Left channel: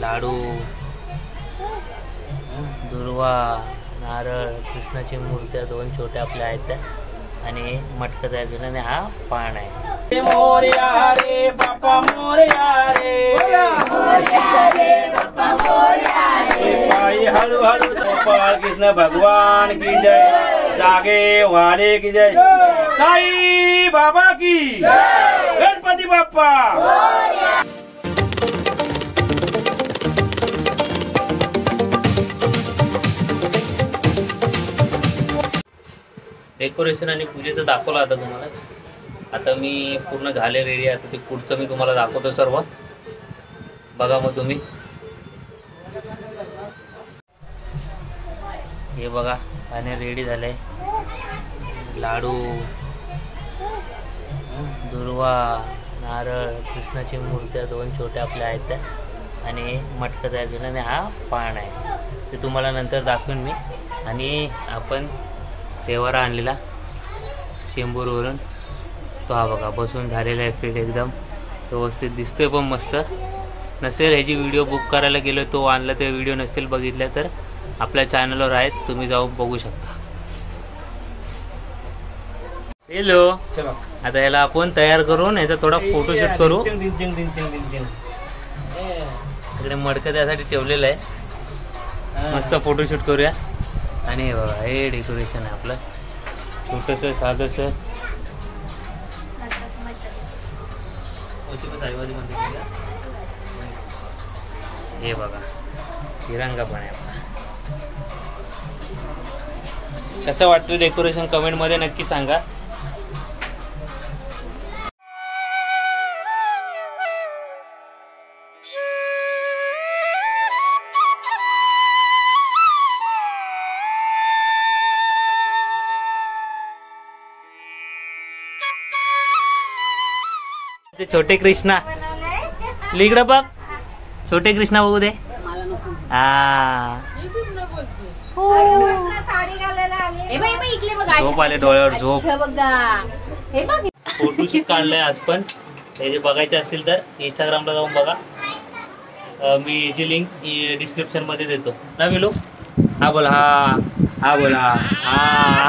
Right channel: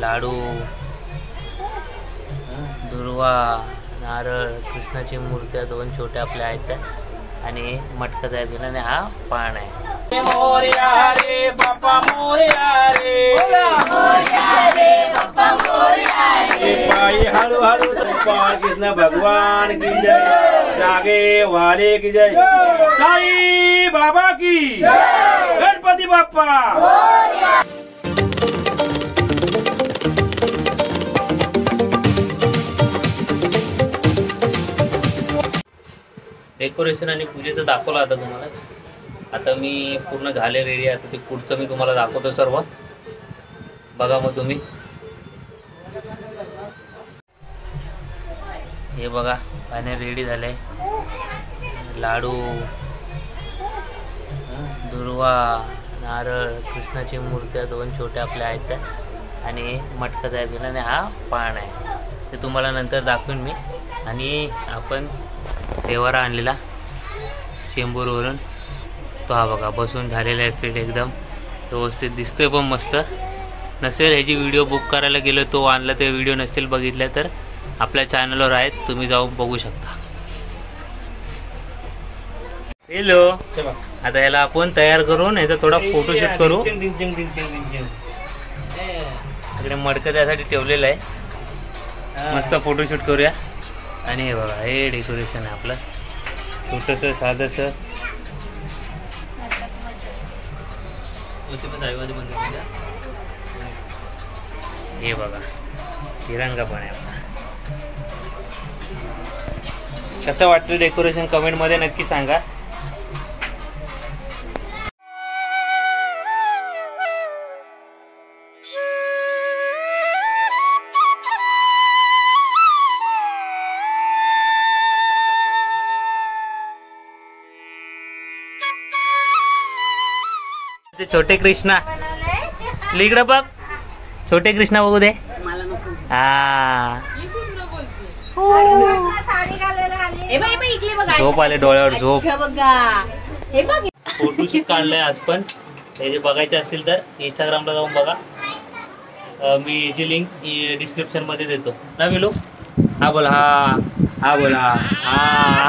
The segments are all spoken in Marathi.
लाडू, दुर्वा, नारळ, कृष्णाची मूर्त्या दोन छोट्या आपल्या आहेत आणि मटका तयार केला आणि हा पान आहे. मोरया रे बाप्पा मोरया रे, मोरया रे बाप्पा मोरया रे, पायी हळू हळू गोपाळ कृष्ण भगवान की जय, जागे वाले की जय, साई बाबा की गणपती बाप्पा. डेकोरेशन आणि पूजेचं दाखवलं आता तुम्हालाच. आता मी पूर्ण झाले रेडी. आता ते पुढचं मी तुम्हाला दाखवतो सर्व. बघा मग तुम्ही. हे बघा पाणी रेडी झालंय. लाडू, दुर्वा, नारळ, कृष्णाची मूर्त्या दोन छोट्या आपल्या आहेत आणि मटका तयार केला आणि हा पान आहे. ते तुम्हाला नंतर दाखवेन मी. आणि आपण देवारा आणलेला चेंबूरवरून तो हा बघा बसून झालेला आहे. फिट एकदम व्यवस्थित दिसतोय पण मस्त. नसेल ह्याची व्हिडिओ बुक करायला गेलो तो आणला ते व्हिडिओ नसतील बघितल्या तर आपल्या चॅनलवर आहेत, तुम्ही जाऊन बघू शकता. हॅलो, आता याला आपण तयार करून याचा थोडा फोटोशूट करू. इकडे मडकं त्यासाठी ठेवलेलं आहे. मस्त फोटोशूट करूया. आणि हे बघा हे डेकोरेशन आहे आपलं छोटंसं साधंसं. हे बघा तिरंगा पण आहे आपला. कसं वाटतं डेकोरेशन कमेंट मध्ये नक्की सांगा. ते छोटे कृष्णा इकडं बघ. छोटे कृष्णा बघू दे. हा झोप आले डोळ्यावर झोप. फोटोशूट काढलाय आज पण. हे जे बघायचे असतील तर इंस्टाग्रामला जाऊन बघा. मी याची लिंक डिस्क्रिप्शन मध्ये देतो ना विलो. हा बोला. हा बोला. हा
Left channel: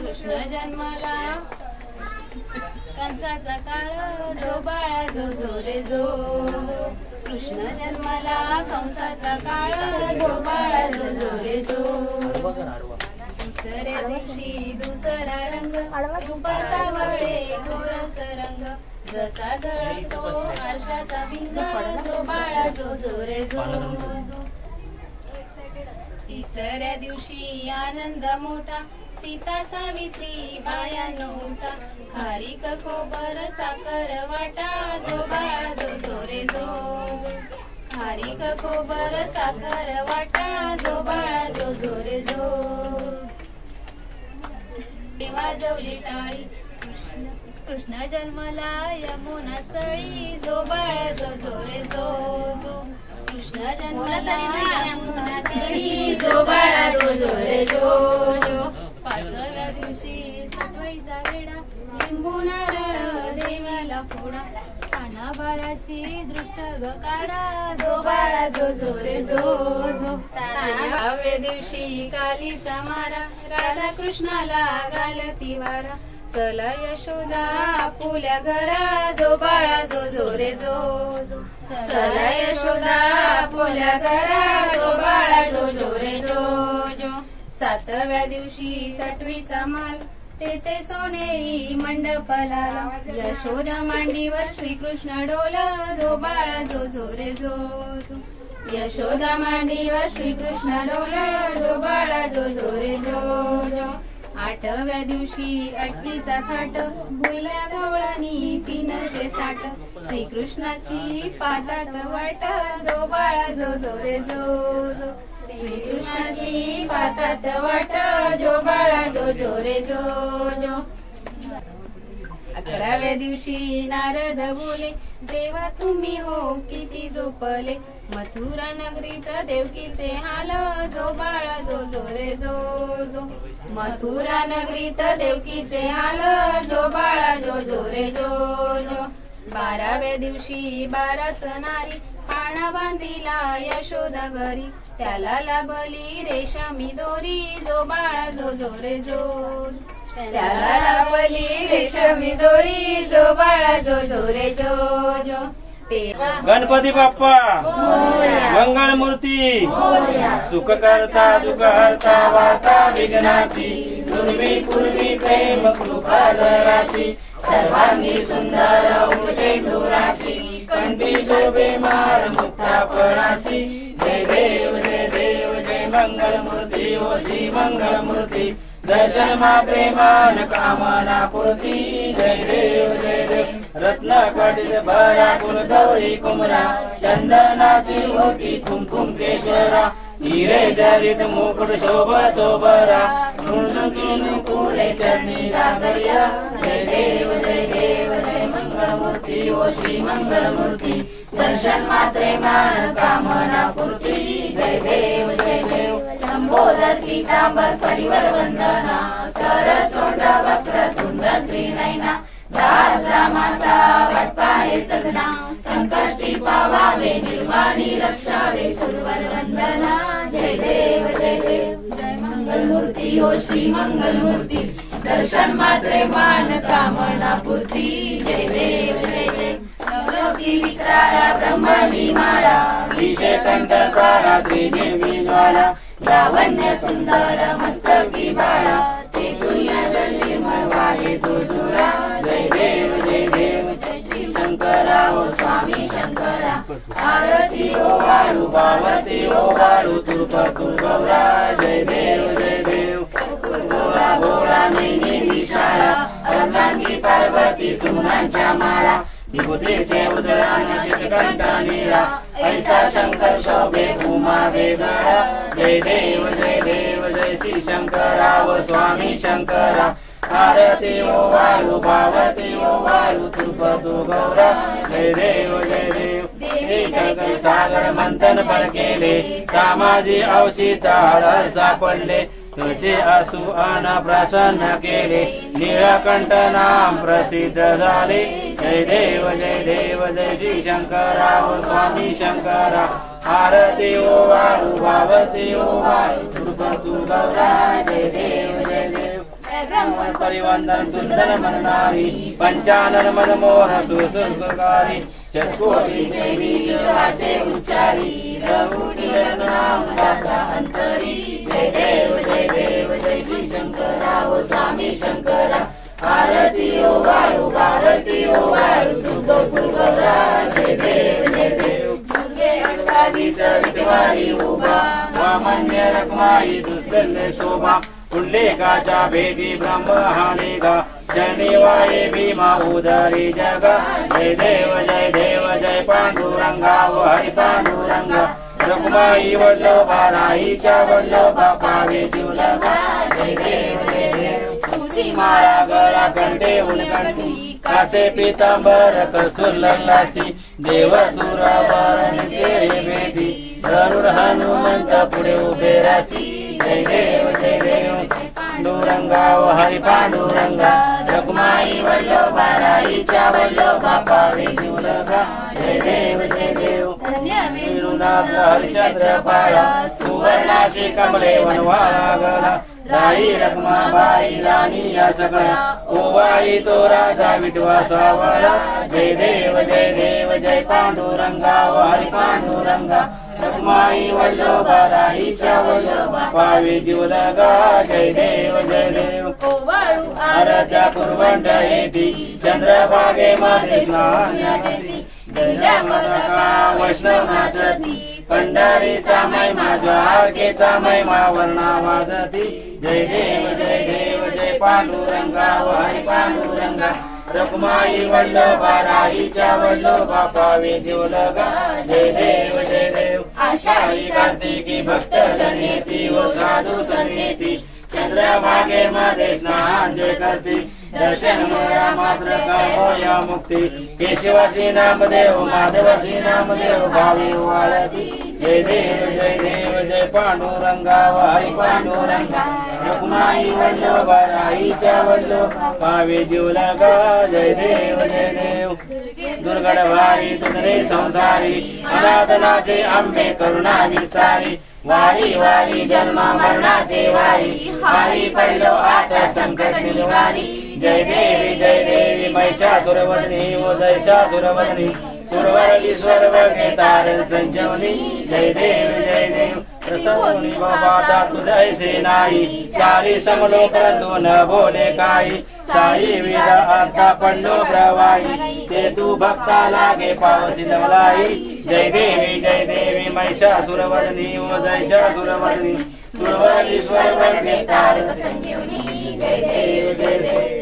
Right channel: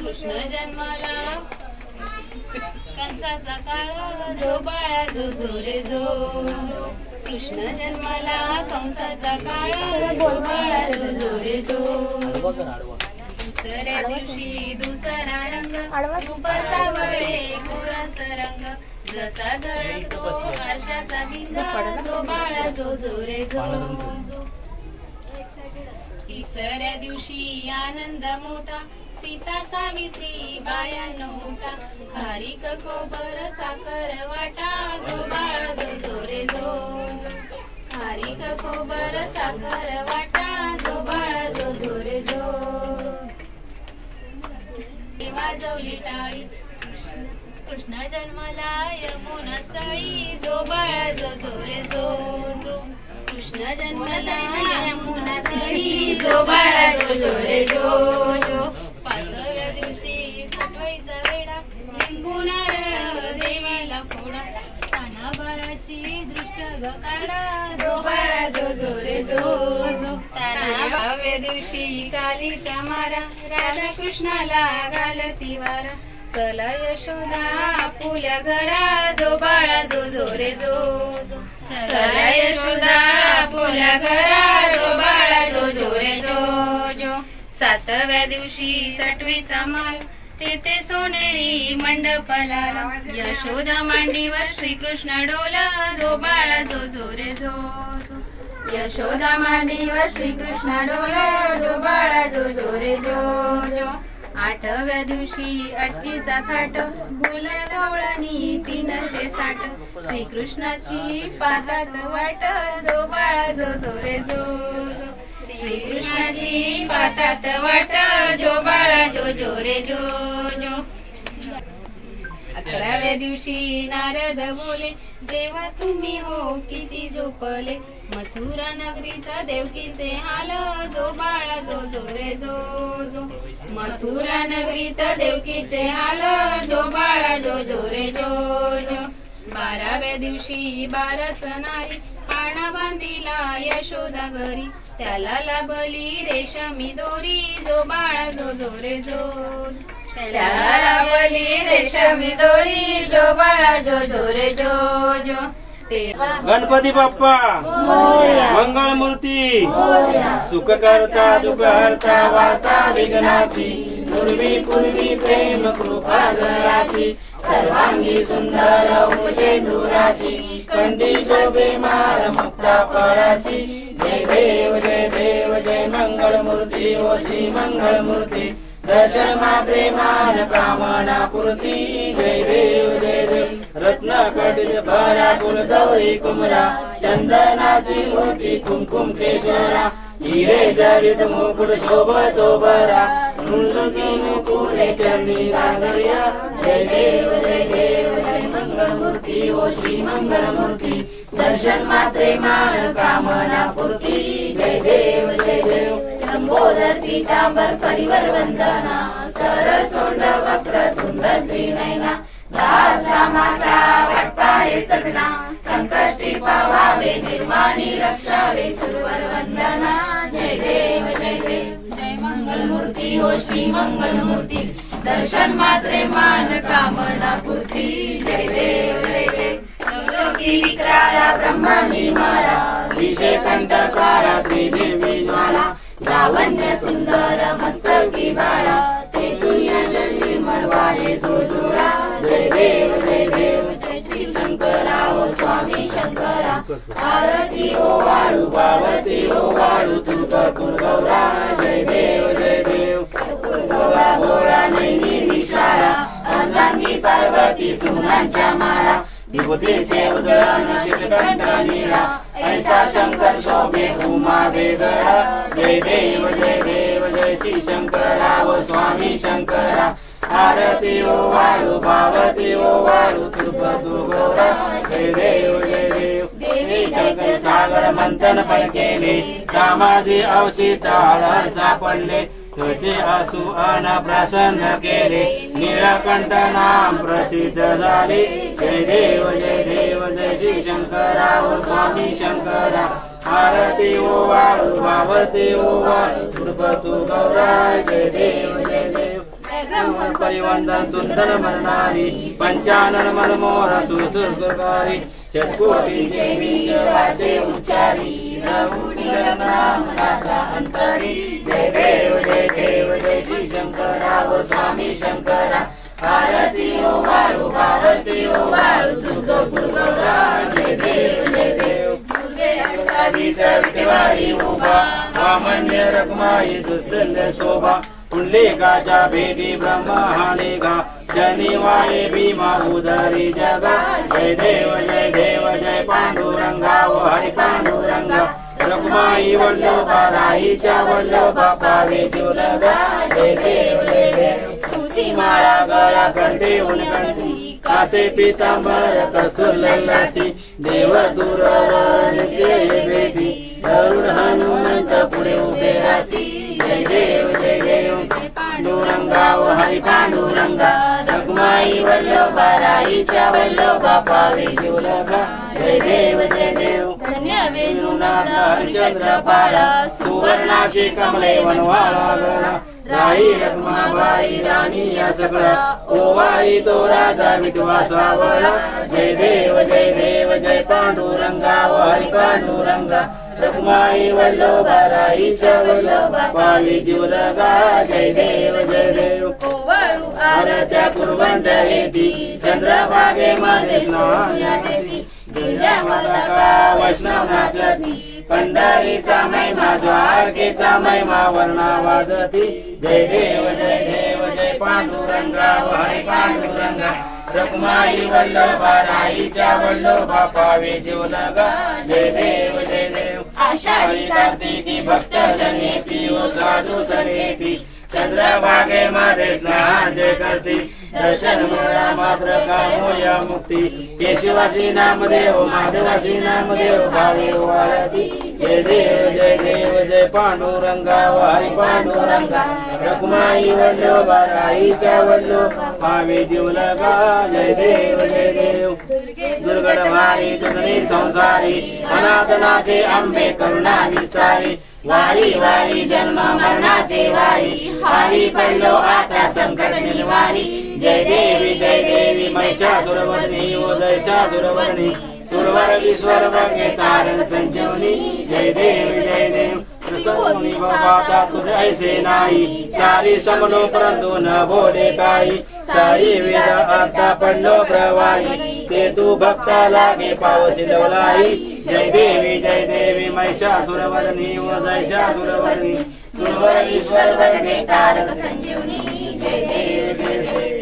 कृष्ण जन्मला कंसाचा काळ जो बाळा जो जो रे जो. कृष्ण जन्मला कंसाचा काळ जो बाळा जो जो रे जो. दुसऱ्या दिवशी दुसरा रंग खूप सावळे गोरस रंग जसा जळतो आरशाचा भिंग जो बाळा जो जो रे जो. तिसऱ्या दिवशी आनंद मोठा सीता सावित्री बायानो उठा खारीक खोबर साखर वाटा जो बाळा जो जो रे जो. सोबर साखर वाटा जो बाळा जो जो रे जो वाजवली टाळी कृष्ण जन्मला यमुना स्थळी जो बाळा जो जो रे जो कृष्ण जन्मला यमुना स्थळी जो बाळा जो जो रे जो पाचव्या दिवशी सटवाईचा वेडा लिंबू नारळ देवाला फोडा ताना बाळाची दृष्ट ग काढा जो बाळा जो जो रे जो तानाव्या दिवशी कालीचा मारा राधा कृष्णाला घालती वारा चला यशोदा आपुल्या घरा जो बाळा जो जो रे जो चला यशोदा आपुल्या घरा जो बाळा जो जो रे जो सातव्या दिवशी सटवीचा माल तेथे सोनेरी मंडपाला यशोदा मांडीवर श्रीकृष्ण डोला जो बाळा जो जो रे जो यशोदा मांडीवर श्रीकृष्ण डोला जो बाळा जो जो रे जो आठव्या दिवशी अटकीचा थाट भुल्या गवळणी 360 श्रीकृष्णाची पातात वाट जो बाळा जो जो रे जो श्रीकृष्णाची पातात वाट जो बाळा जो जो रे जो 11व्या दिवशी नारद बोले देवा तुम्ही हो किती झोपले मथुरा नगरीचा देवकीचे हाल जो बाळा जो जो रे जो मथुरा नगरीचा देवकीचे हाल जो बाळा जो जो रे जो 12व्या दिवशी 12च नारी पाळणा बांधिला यशोदा घरी त्याला लाभली रेशमी दोरी जो बाळा जो जो रे जो त्याला लाभली रेशमी दोरी जो बाळा जो जो रे जो गणपती बाप्पा मंगळ मूर्ती सुख करता दुःख हरता वार्ता विघ्नाची पूर्वी प्रेम कृपा जयाची सर्वांगी सुंदर उंचे दुराची कंठी शोभे माळ मुक्ता फळाची जय देव जय मंगल मूर्ती ओ श्री मंगल मूर्ती दर्शन मात्रे मान कामना पूर्ती जय देव रत्न कटित भरा कुल गौरी कुमरा चंदनाची मोठी कुमकुम केशरा हिरे जडित मुकुट शोभतो बरा रुंजुकी मुकुरे चरणी लागरिया जय देव जय मंगल मूर्ती ओ श्री मंगल मूर्ती दर्शन मात्रे मान कामना पूर्ती जय देव लंबोदर पीतांबर परिवर वंदना सरसोंड वक्र तुंड त्रिनयना दास रामाचा वाटपाळे सगना संकष्टी पावावे निर्माणी रक्षावे सुरवर वंदना जय देव जय मंगल मूर्ती हो श्री मंगल मूर्ती दर्शन मात्रे मान कामना पूर्ती जय देव नवलोकी विक्राळा ब्रह्मांडी माळा विषय कंठकारा त्रिदिव्य ज्वाला लावण्य सुंदर मस्तकी बाळा ते दुनिया जल्ली मरवाळे जोडजोडा जय देव जय श्री शंकरा हो स्वामी शंकरा आरती ओ वाळू पार्वती ओ वाळू तू कर्पूर गौरा जय देव कर्पूर गौरा भोळा नैनी विशाळा अर्धांगी पार्वती सुमनांच्या माळा विभूतीचे उदळण शिखकंठ नीळा ऐसा शंकर शोभे उमा वेगळा जय देव जय श्री शंकरा व स्वामी शंकरा आरती ओ वाळू पार्वती ओ वाळू तू गौरा जय देव देवी जग सागर मंथन पण केले त्या माझे अवचित आढळ सापडले तुझे असु अन प्रसन्न केले नीळकंठ नाम प्रसिद्ध झाले जय देव जय श्री शंकरा व स्वामी शंकरा आरती ओ वाळू पार्वती ओ वाळू तू गौरा जय देव परिवंदन सुंदर मननारी पंचानन मनमोहन सुरसुरकारी चकोटीचे बीजवाचे उच्चारी नाम दासा अंतरी जय देव जय श्री शंकरा व स्वामी शंकरा आरती ओ वाळू पार्वती ओ वाळू तू गौरा जय देव तुझे अष्टादीस विठवारी उभा वामन्य रखमाई दुसरल शोभा पुंडलिकाच्या भेटी ब्रह्म हानेगा शनिवारी भीमा उदरी जगा जय देव जय पांडुरंगा व हरी पांडुरंगा रखुमाई वल्लभा राईच्या वल्लभा पावे जुलगा जय देव जय देव तुळशी माळा गळा कंठे उलकंठी कासे पीतांबर कस्तूर लल्लासी देव सुरवर नित्य भेटी गरुड हनुमंत पुढे उभे रासी जय देव पांडुरंगा व हरी पांडुरंगा रखुमाई वल्लभा राईच्या वल्लभा पावे जुलगा जय देव धन्य वेणुनाथ हरिश्चंद्र पाळा सुवर्णाचे कमळे वनवाळा गला राई रखुमाबाई राणी या सगळा ओवाळी तो राजा विठवा सावळा जय देव जय पांडुरंगा व हरी पांडुरंगा रखुमाई वल्लभा राईच्या वल्लभा पावे जीवलगा जय देव ओवाळू आराध्या कुर्वंट येती चंद्रभागे मध्ये स्नान येती वैष्णवाचती पंढरीचा महिमा द्वारकेचा महिमा वर्णा वाजती जय देव जय पांडुरंगा व हरी पांडुरंगा रखुमाई वल्लभा राईच्या वल्लभा पावे जीवलगा जय देव आषाढी कार्तिकी भक्त जनेती व साधू संगेती चंद्रभागे मध्ये स्नान जे करती दर्शन मिळा मात्र कामोया मुक्ती केशवासी नामदेव माधवासी नामदेव भावे वाळती जय देव जय पांडुरंगा व हरी पांडुरंगा रखुमाई वल्लभा राईच्या वल्लभा पावे जीवलगा जय देव दुर्गड भारी तुझे संसारी अनाथनाचे आंबे करुणा विस्तारी वारी वारी जन्म मरणाचे वारी हारी पडलो आता संकट निवारी जय देवी महिषासुरवदनी ओ जयशासुरवदनी सुरवर विश्वर वर्गे तारण संजीवनी जय देव प्रसन्नी बाबा तुझ ऐसे नाही चारी समलो परंतु न बोले काही साई वेद आता पडलो प्रवाही ते तू भक्ता लागे पावसी लवलाई जय देवी महिषासुरवदनी ओ जयशासुरवदनी सुरवर ईश्वर वर्गे तारक संजीवनी जय देव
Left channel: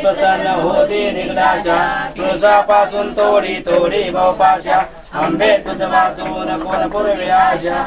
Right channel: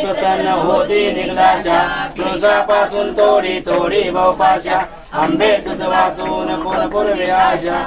प्रसन्न होती निघलाशा तुळजापासून थोडी थोडी बहुपाशा आंबे तुझ वाचून कोण पूर्वी आशा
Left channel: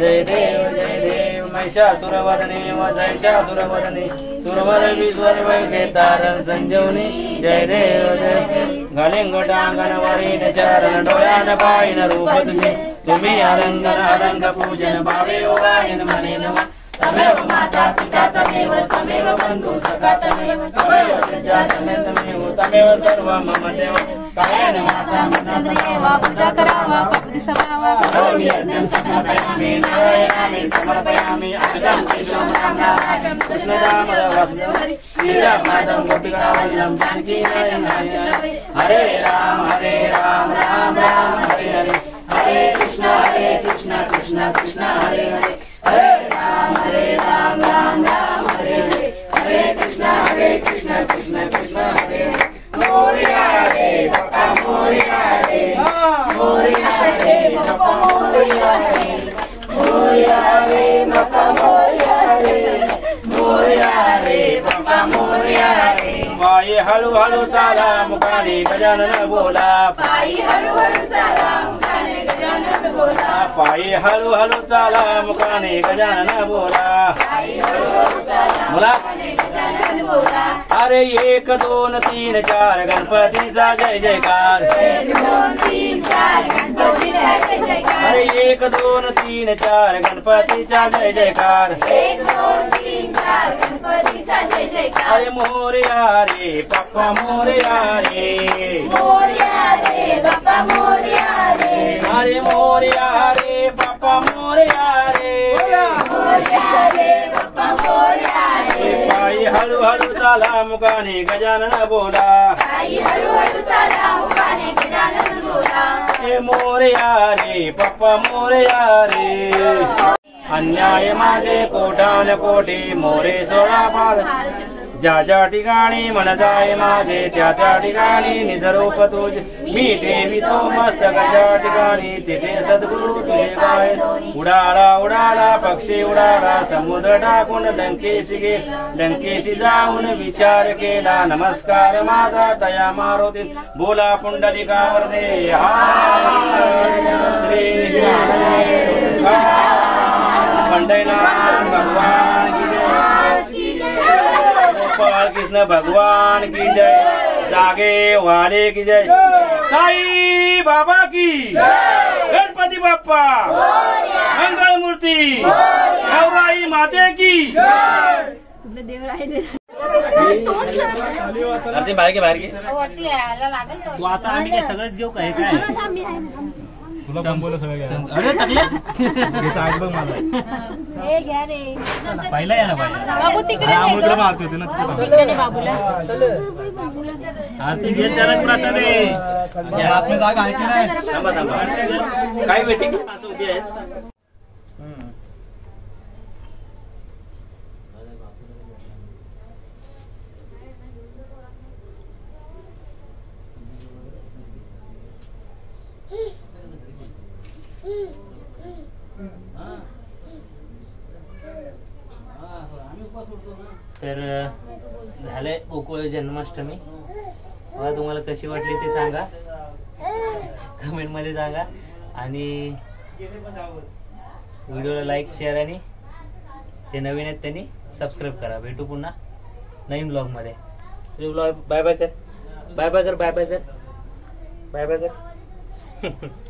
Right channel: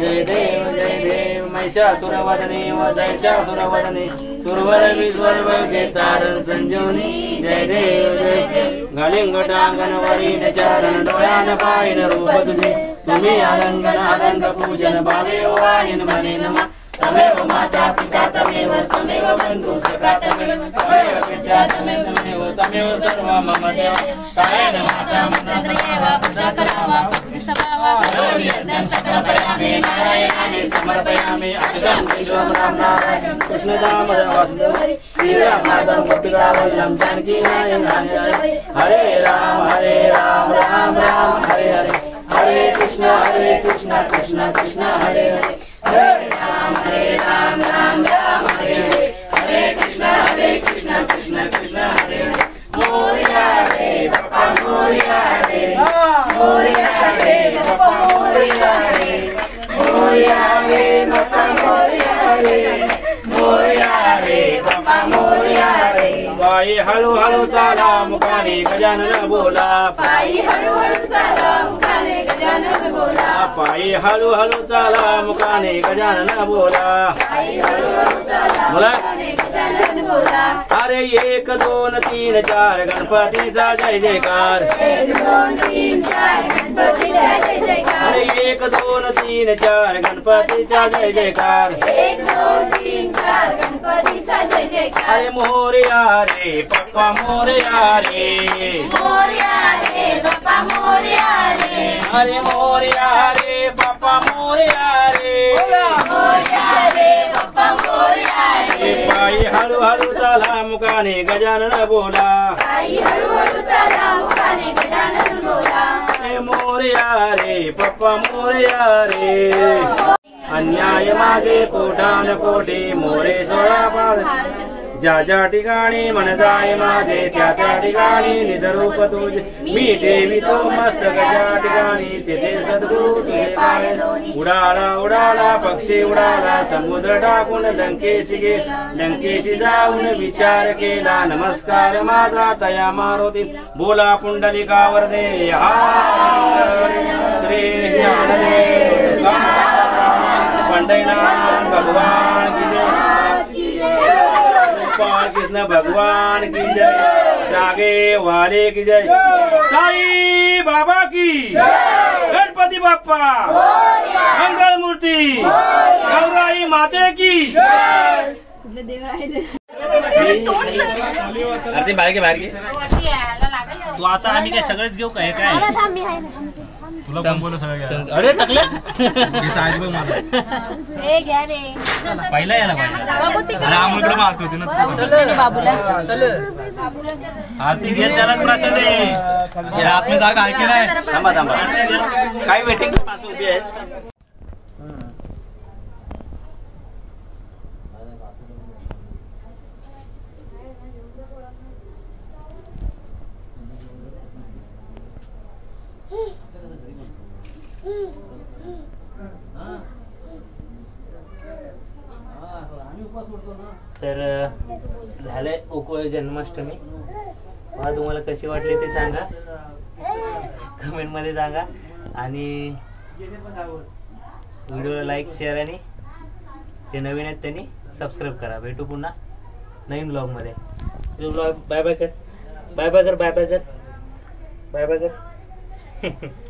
जय देव महिषासुरवदनी व जयशासुरवदनी सुरवर विश्वर वर्गे तारण संजीवनी जय देव घालिंगटांगण वरील चरण डोळ्यान पाहिन रूप तुझे तुम्ही आनंद पूजन भावे ओवाळीन मने नमः तमेव माता पिता तमेव बंधु सखा तमेव विद्या तमेव सर्व मम देव तमेव माता चंद्रियेवा पूजा करावा सभावा सकल परस्मै नारायणाने समर्पयामि अक्षं विश्वं राम कृष्ण राम वासुदेव श्रीराम माधव गोपिका वल्लभ जानकी नारायण हरे राम राम राम हरे हरे हरे कृष्ण कृष्ण कृष्ण हरे हरे हरे राम राम राम हरे हरे हरे कृष्ण कृष्ण कृष्ण हरे हरे मोरिया रे बापा मोरिया रे मोरिया रे बापा मोरिया रे मोरिया रे बापा मोरिया रे मोरिया रे बापा मोरिया रे पायी हळूहळू चाला मुखाने गजानन बोला पायी हळूहळू चाला मुखाने गजानन बोला पायी हळूहळू चाला मुखाने गजानन बोला बोला अरे 1 2 3 4 गणपतीचा जय जयकार 1 2 3 4 गणपतीचा जय जयकार अरे 1 2 3 4 गणपतीचा जय जयकार 1 2 3 4 गणपतीचा जय जयकार अरे मोरया रे पप्पा मोरया रे मोरया रे पप्पा मोरया रे अरे मोरया रे पप्पा मोरया रे मोरया रे पप्पा मोरया रे पायी हळूहळू चाला मुखाने गजानन बोला पायी हळूहळू चाला मुखाने गजानन बोला हे मोरया रे पप्पा मोरया रे अन्याय माझे कोटान कोटी मोरे सोळा पाड ज्या ज्या ठिकाणी मन जाय माझे त्या त्या ठिकाणी निजरूप तुझे मी ठेवितो मस्तक ज्या ठिकाणी तेथे सद्गुरु तुझे पाय उडाला उडाला पक्षी उडाला समुद्र टाकून लंकेशी गेला लंकेशी जाऊन विचार केला नमस्कार माझा तया मारुती बोला पुंडलिकावर दे श्री ज्ञानदेव पंढरीनाथ भगवान की जय गोपाल कृष्ण भगवान की जय जागे वाले की जय साई बाबा की गणपती बाप्पा मंगल मूर्ती गौराई माते की बाहेर घे वरती यायला लागेल तू आता आम्ही काय सगळंच घेऊ काय काय तुला कोण बोललं सगळं घ्या अरे टाकले आहेत बघ माझा ए घ्या रे पहिला यायला पाहिजे बाबू तिकडे अमोलकडे मारत होती ना आरती घेत त्याला प्रसाद आहे आतमध्ये जागा आहे की नाही थांबा थांबा काही वेटिंग माणसं उभी आहेत तर झालंय गोकुळ जन्माष्टमी मला तुम्हाला कशी वाटली ते सांगा कमेंट मध्ये सांगा आणि व्हिडिओला लाईक शेअर आणि जे नवीन आहेत त्यांनी सबस्क्राईब करा भेटू पुन्हा नवीन ब्लॉग मध्ये ब्लॉग बाय बाय कर बाय बाय कर बाय बाय कर बाय बाय कर